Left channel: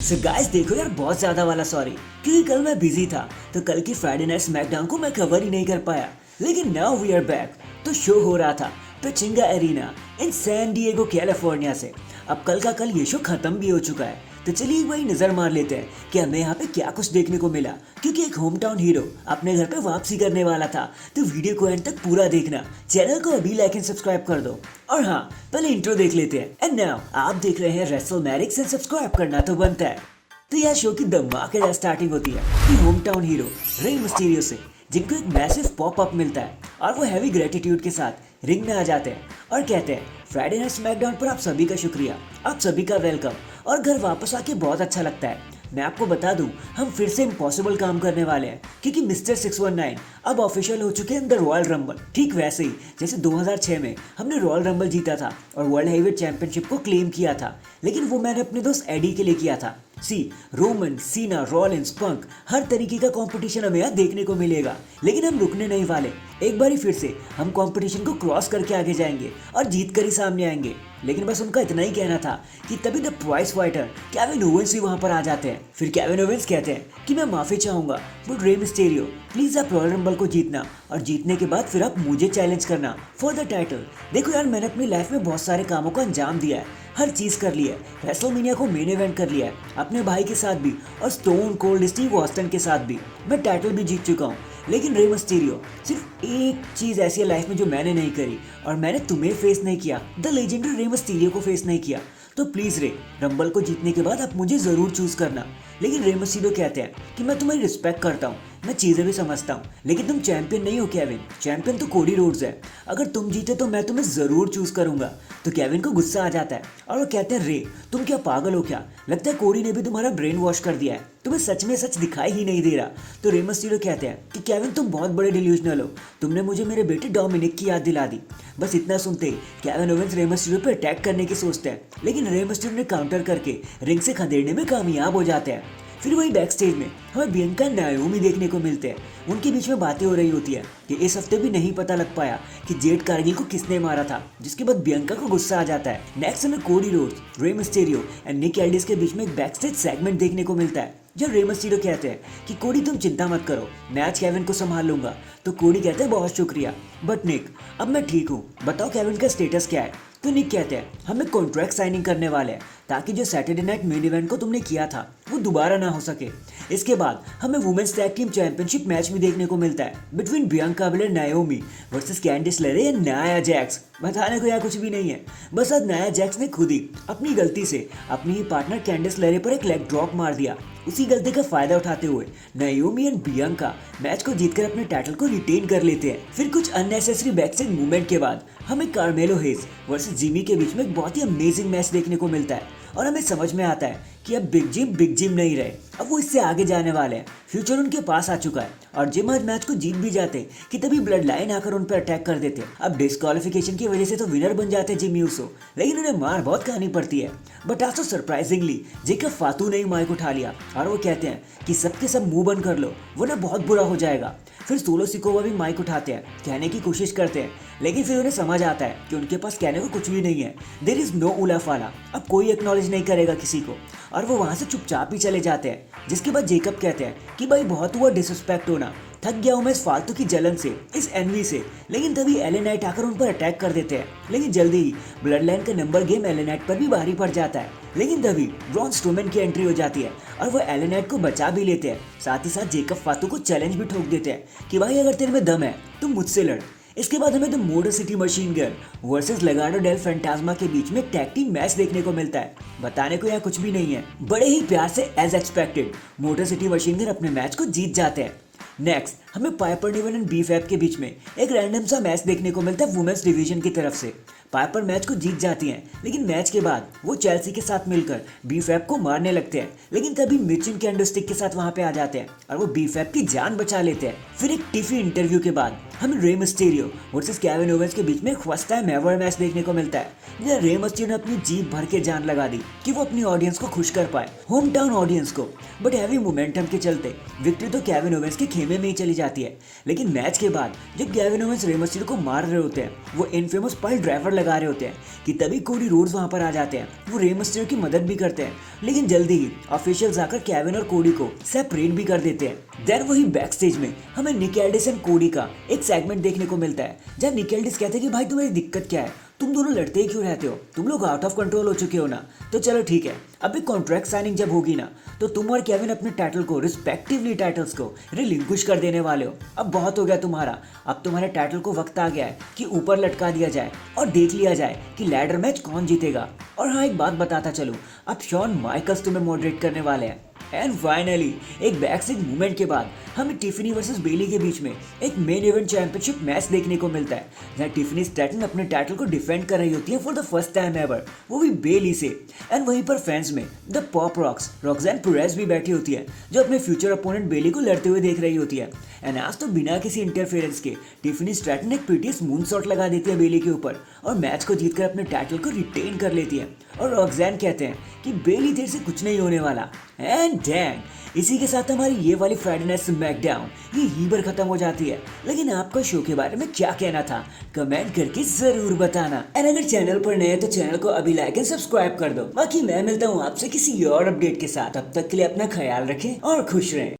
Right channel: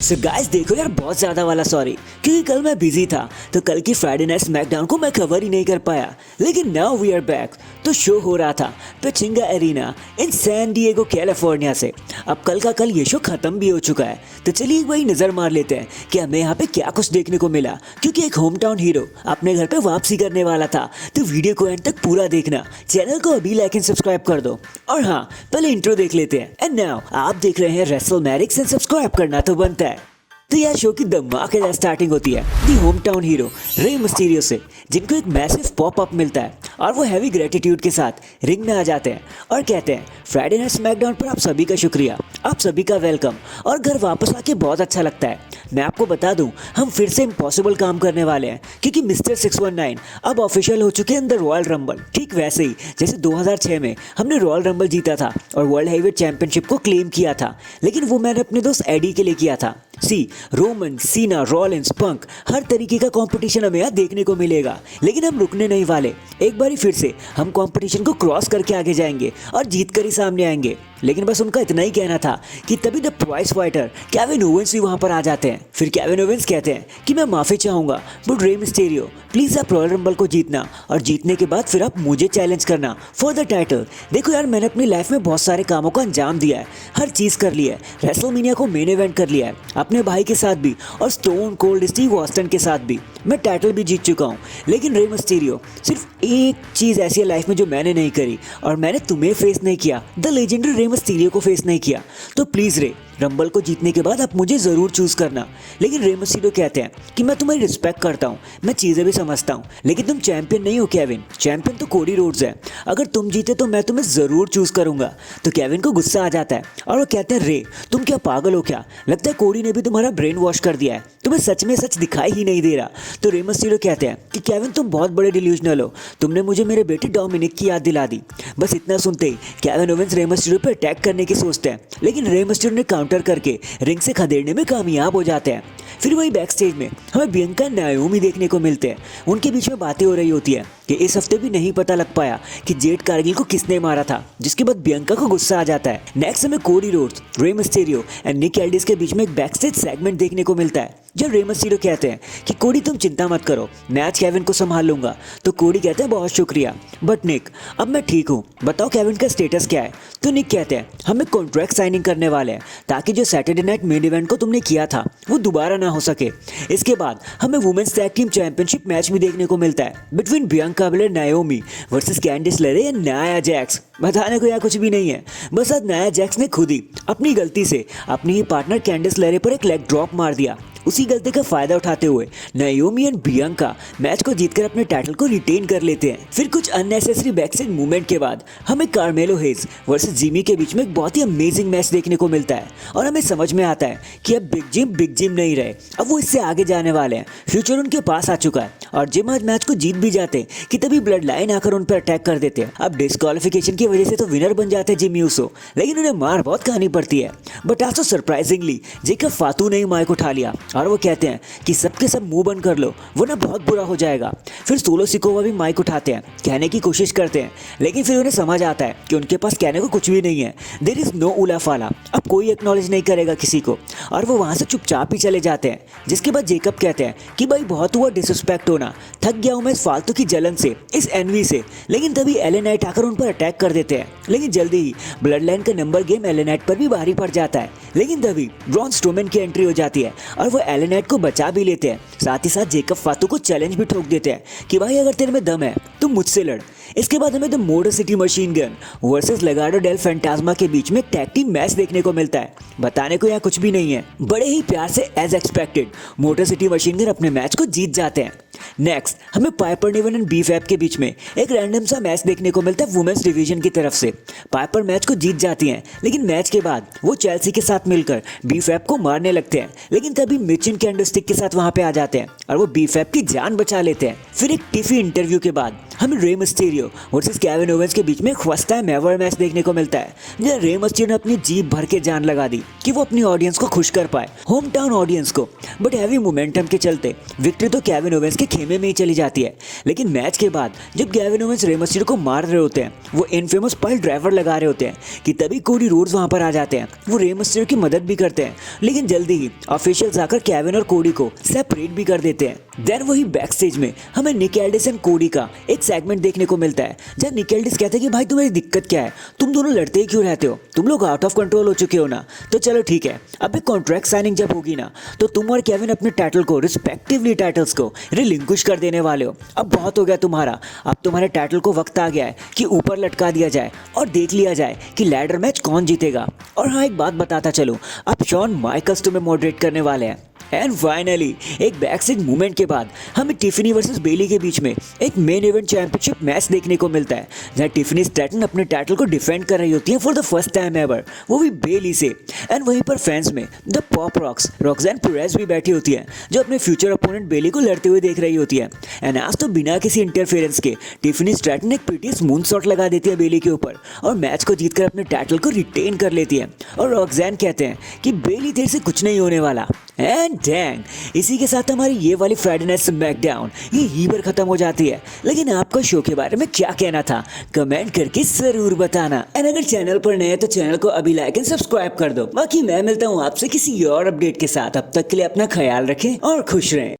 So guys देखो यार, बहुत ज्यादा वाला सॉरी, क्योंकि कल मैं बिजी था तो कल की फ्राइडे नाइट स्मैकडाउन को मैं कवर ही नहीं कर पाया। लेकिन नाउ वी आर बैक। तो शो हो रहा था Pechanga arena in San Diego California से। अब कल का कल ये शो खत्म भी हो चुका है, तो चलिए एक बार नजर मार लेते हैं कि हमें यहाँ पे क्या कुछ देखने को मिला। क्योंकि एक होम टाउन हीरो अपने घर पे वापसी करने वाला था, तो वीडियो को एंड तक पूरा देखना। चैनल को अभी लाइक एंड सब्सक्राइब कर दो। और हाँ, पहले इंट्रो देख लेते हैं। एंड नाउ आप देख रहे हैं रेसलमैनिक्स एंड सब्सक्राइब करना तो बनता है। तो यह शो की धमाकेदार स्टार्टिंग होती है the home town hero Rey Mysterio से, जिनको एक मैसिव पॉप अप मिलता है और वो हैवी ग्रेटिट्यूड के साथ रिंग में आ जाते हैं और कहते हैं फ्राइडे नाइट स्मैकडाउन पर आप सभी का शुक्रिया, आप सभी का वेलकम, और घर वापस आके बहुत अच्छा लगता है। मैं आपको बता दूं, हम फिर से इम्पॉसिबल काम करने वाले हैं, क्योंकि मिस्टर 619 अब ऑफिशियल हो चुके हैं इन द रॉयल रंबल। ठीक वैसे ही जैसे 2006 में हमने रॉयल रंबल जीता था और वर्ल्ड हेवीवेट चैंपियनशिप को क्लेम किया था, लेकिन वो मैंने अपने दोस्त एडी के लिए किया था। सी रोमन, सीना, रॉलिंस, पंक, हर तरीके का कंपटीशन हमें यहाँ देखने को मिलेगा, लेकिन हम रुकने नहीं वाले। एक बार फिर से हम कंपटीशन को क्रॉस करके आगे जाएंगे और जीत कर ही सामने आएंगे। लेकिन बस उनका इतना ही कहना था कि तभी the price fighter Kevin Owens भी वहां पर आ जाते हैं। फिर केविन ओवेंस कहते हैं कि मैं माफी चाहूंगा, बट रे मिस्टीरियो प्लीज आप रॉयल रंबल को जीतना, और जीतने के बाद फिर आप मुझे चैलेंज करना फॉर द टाइटल। देखो यार, मैंने अपनी लाइफ में बहुत सारे कामों को अंजाम दिया है, हर चीज कर लिया है, रेसलमेनिया को मेन इवेंट कर लिया है, अपने भाई के साथ भी और स्टोन कोल्ड स्टीव ऑस्टिन के साथ भी मैं टाइटल भी जीत चुका हूँ। लेकिन रे मिस्टीरियो, सिर्फ एक चीज ऐसी है लाइफ में जो मैंने नहीं करी, और मैंने तुम्हें फेस नहीं किया, द लेजेंडरी रे मिस्टीरियो को फेस नहीं किया। तो प्लीज रे, रंबल को जीतने के बाद आप मुझे जरूर चूज करना। लेकिन रे मिस्टीरियो कहते हैं कि मैं तुम्हारी रिस्पेक्ट करता हूँ, मैं चीजें भी समझता हूँ, लेकिन तुम चैंपियन नहीं हो केविन, चैंपियन तो कोडी रोड्स है। अगर तुम जीते तो मैं तुम्हें जरूर चूज करूंगा। तो केविन को गुस्सा आ जाता है और वो कहते हैं रे, तुम क्या पागल हो क्या? लगता है कोडी ने भी तुम्हारा ब्रेन वॉश कर दिया है, तुम्हें सच में सच दिखाई ही नहीं दे रहा। तो रे मिस्टीरियो कहते हैं कि केविन तुम बहुत बड़े डिल्यूजनल हो, तुमने मुझे मेरे बेटे डोमिनिक की याद दिला दी। बस इतना सुनते ही केविन ओवेंस रे मिस्टीरियो पर अटैक करने की सोचते हैं, लेकिन रे मिस्टीरियो ने काउंटर करके रिंग से खदेड़ने में कामयाब हो जाते हैं। फिर वही बैक स्टेज में हमें बियंका नायोमी देखने को मिलते हैं। उनके बीच में बातें हो रही होती है कि इस हफ्ते भी नहीं पता लग पाया कि जेड कारगिल को किसने मारा था, जिसके बाद बियंका को गुस्सा आ जाता है। नेक्स्ट हमें Cody Rhodes, Rey Mysterio and Nick Aldous के बीच में एक बैक स्टेज सेगमेंट देखने को मिलता है, जब रे मिस्टीरियो कहते हैं कि कोडी तुम चिंता मत करो, मैं आज केविन को संभाल लूंगा। तो कोडी कहते हैं बहुत शुक्रिया, बट निक अब मैं ठीक हूँ, बताओ केविन का स्टेटस क्या है? तो निक कहते हैं हम एक कॉन्ट्रैक्ट साइनिंग करने वाले हैं, ताकि जो सैटरडे नाइट मेन इवेंट को तुमने किया था वो दोबारा ना हो सके। इसके बाद हमें women's tag team championship match भी देखने को मिलता है बिटवीन बियंका बेलेर नायोमी वर्सेस कैंडिस लेरे एंड नाया जैक्स। बताने को यहाँ कुछ भी नहीं है, बस आज नाया जैक्स ने खुद ही अपनी गलती से अपनी ही पार्टनर कैंडिस लेरे पर एक लेग ड्रॉप मार दिया। उसी गलती का फायदा उठाते हुए नायोमी एंड बियंका मैच को जीतकर अपने टाइटल को रिटेन कर लेते हैं। फिर कुछ अननेसेसरी बैकस्टेज मूवमेंट के बाद हमें कार्मेलो हेज वर्सेस जिमी के बीच में एक बहुत ही अमेजिंग मैच देखने को मिलता है, और हमें समझ में आता है कि अब बिग जिम नहीं रहे, अब वो इससे आगे जाने वाले हैं। फ्यूचर उनके पास आ चुका है और जिम आज मैच को जीत भी जाते कि तभी ब्लड लाइन आकर उन पर अटैक कर देते हैं। अब डिस्क्वालिफिकेशन की वजह से तो विनर बन जाते हैं जिमी यूसो, लेकिन उन्हें मार बहुत खानी पड़ती है। बट आज तो सरप्राइजिंगली जेकब फातू ने ही माइक उठा लिया और वो कहते हैं कि सबके सब मुंह बंद कर लो वरना बहुत बुरा हो जाएगा। फिर सोलो सिकोवा भी माइक उठाते हैं, कहने की कोशिश करते हैं, लेकिन फिर उन्हें समझ आता है कि उनके पास कहने को कुछ भी नहीं है। देयर इज नो उला फाला, अब कोई एक्नॉलेज नहीं करेगा किसी को, और वो वहां से चुपचाप ही चले जाते हैं। जिसके बाद जेकब कहते हैं कि भाई बहुत हुआ डिसरिस्पेक्ट होना, थक गया हूं मैं इस फालतू की जलन से, इस एनवी से। लेकिन तभी एले नाइट आकर उन पर अटैक कर देते हैं, लेकिन जल्दी ही ब्लड लाइन का नंबर गेम एले नाइट पर भी भारी पड़ जाता है। लेकिन तभी ब्रॉन स्ट्रोमैन की एंट्री हो जाती है और वो एले नाइट को बचा भी लेते हैं। साथ ही साथ जेकब फातू को चैलेंज भी ठोक देते हैं कि भाई अगर तेरे में दम है तो मुझसे लड़। इसके बाद हमें the motor city machine gun versus Legado del Fantasma के बीच में टैग टीम मैच देखने को मिलता है। बताने को यहाँ कुछ भी नहीं है, बड़े ही प्यार से as expected Motor city machine Gun अपने मैच को जीत जाते हैं। नेक्स्ट हमें पाइपर निवन एंड बीफैब के बीच में एक रैंडम सा मैच देखने को मिलता है वुमेन्स डिवीजन की तरफ से। पाइपर मैच को जीत जाती हैं, लेकिन मैच के बाद वो चेल्सी के साथ मिलकर बीफैब को मारने लगते हैं, लेकिन तभी मिचिन कैंडोस्टिक के साथ वहां पे आ जाते हैं और वो बीफैब की जान बचा लेते हैं। फिर एक टिफी इंटरव्यू के बाद हमें Rey Mysterio Mysterio versus Kevin Owens के बीच में फर्स्ट टाइम एवर मैच देखने को मिलता है, जहाँ रे मिस्टीरियो ने अपनी जीप भर के जान लगा दी कि वो अपनी ऑडियंस को खुश कर पाए, होम टाउन ऑडियंस को। बट हैवी मोमेंटम के चलते विक्ट्री तो केविन ओवेंस के खेमे में ही चली जाती है। लेकिन मैच के बाद जब केविन ओवेंस रे मिस्टीरियो को मार रहे होते हैं, वो इनफेमस पाइल ड्राइवर लगा रहे होते हैं कि तभी कोडी रोड्स वहां पर आ जाते हैं। वो रे मिस्टीरियो की मदद भी करते हैं, लेकिन जल्दी ही ऑफिशियल्स आकर केविन और कोडी को सेपरेट भी कर देते हैं। देन वही बैक स्टेज में हमें निक एल्डिस एंड कोडी का एक सेगमेंट देखने को मिलता है, जब निक एल्डिस कहते हैं कि भाई तुम्हारी दिक्कत क्या है, तुम दोनों लड़ते ही क्यों रहते हो, तुम लोग आउट ऑफ कंट्रोल हो चुके हो ना। तो चलो ठीक है, अब एक कॉन्ट्रैक्ट साइनिंग जब होगी ना, तो तुम और केविन अपने टाइटल को रिस्पेक्टिवली टाइटल्स को रिलिंक्विश कर देने वाले हो। अब बहुत हो गया तुम्हारा, अब तुम्हारे टाइटल को वक्त आ गया है कि ऊपर लटका दिया जाए और देख लिया जाए कि लैडर मैच कौन जीतेगा। और हाँ, एक बात बताता चलो, अब शॉन माइकल्स तुम्हें मॉडरेट करने वाले हैं। एंड फाइनली एक बैकस्टेज मूवमेंट के बाद हमें टिफनी वर्सेस बेली के बीच में एक मेन इवेंट चैंपियनशिप मैच देखने को मिलता है, जहां टिफनी स्टैटन अपने टाइटल को डिफेंड कर रही होती है for the first time ever, वो भी बेली से। एंड वहीं पर फैंस में द पॉप रॉक्स रॉक्सैन पेरेज भी बैठी होती है, जो अपने फ्यूचर अपोनेंट बेली को लड़ते हुए देख रही होती है। एंड आज तो बिना किसी इंटरफेरेंस के टिफनी स्टैटन एक प्रीटियस मून शॉट लगा देती है बेली के ऊपर और मैच को जीतकर अपने टाइटल को रिटेन कर लेती है। और रॉक्सैन कहते हैं कि बेली देर से कुछ नहीं होने वाला। एंड डैंग, इसी के साथ हमारी ये वाली फ्राइडे नाइट स्मैकडाउन ये पर खत्म हो जाती है। लेकिन आपका शो के बारे में क्या कहना था, कमेंट करके जरूर बताना। एंड अगर चैनल पर नए हैं तो चैनल को अभी लाइक एंड सब्सक्राइब कर दो। बाकी मैं मिलता हूँ आपसे किसी और अपडेट के साथ, अब तक के लिए अपना ख्याल रखें और खुश रहें।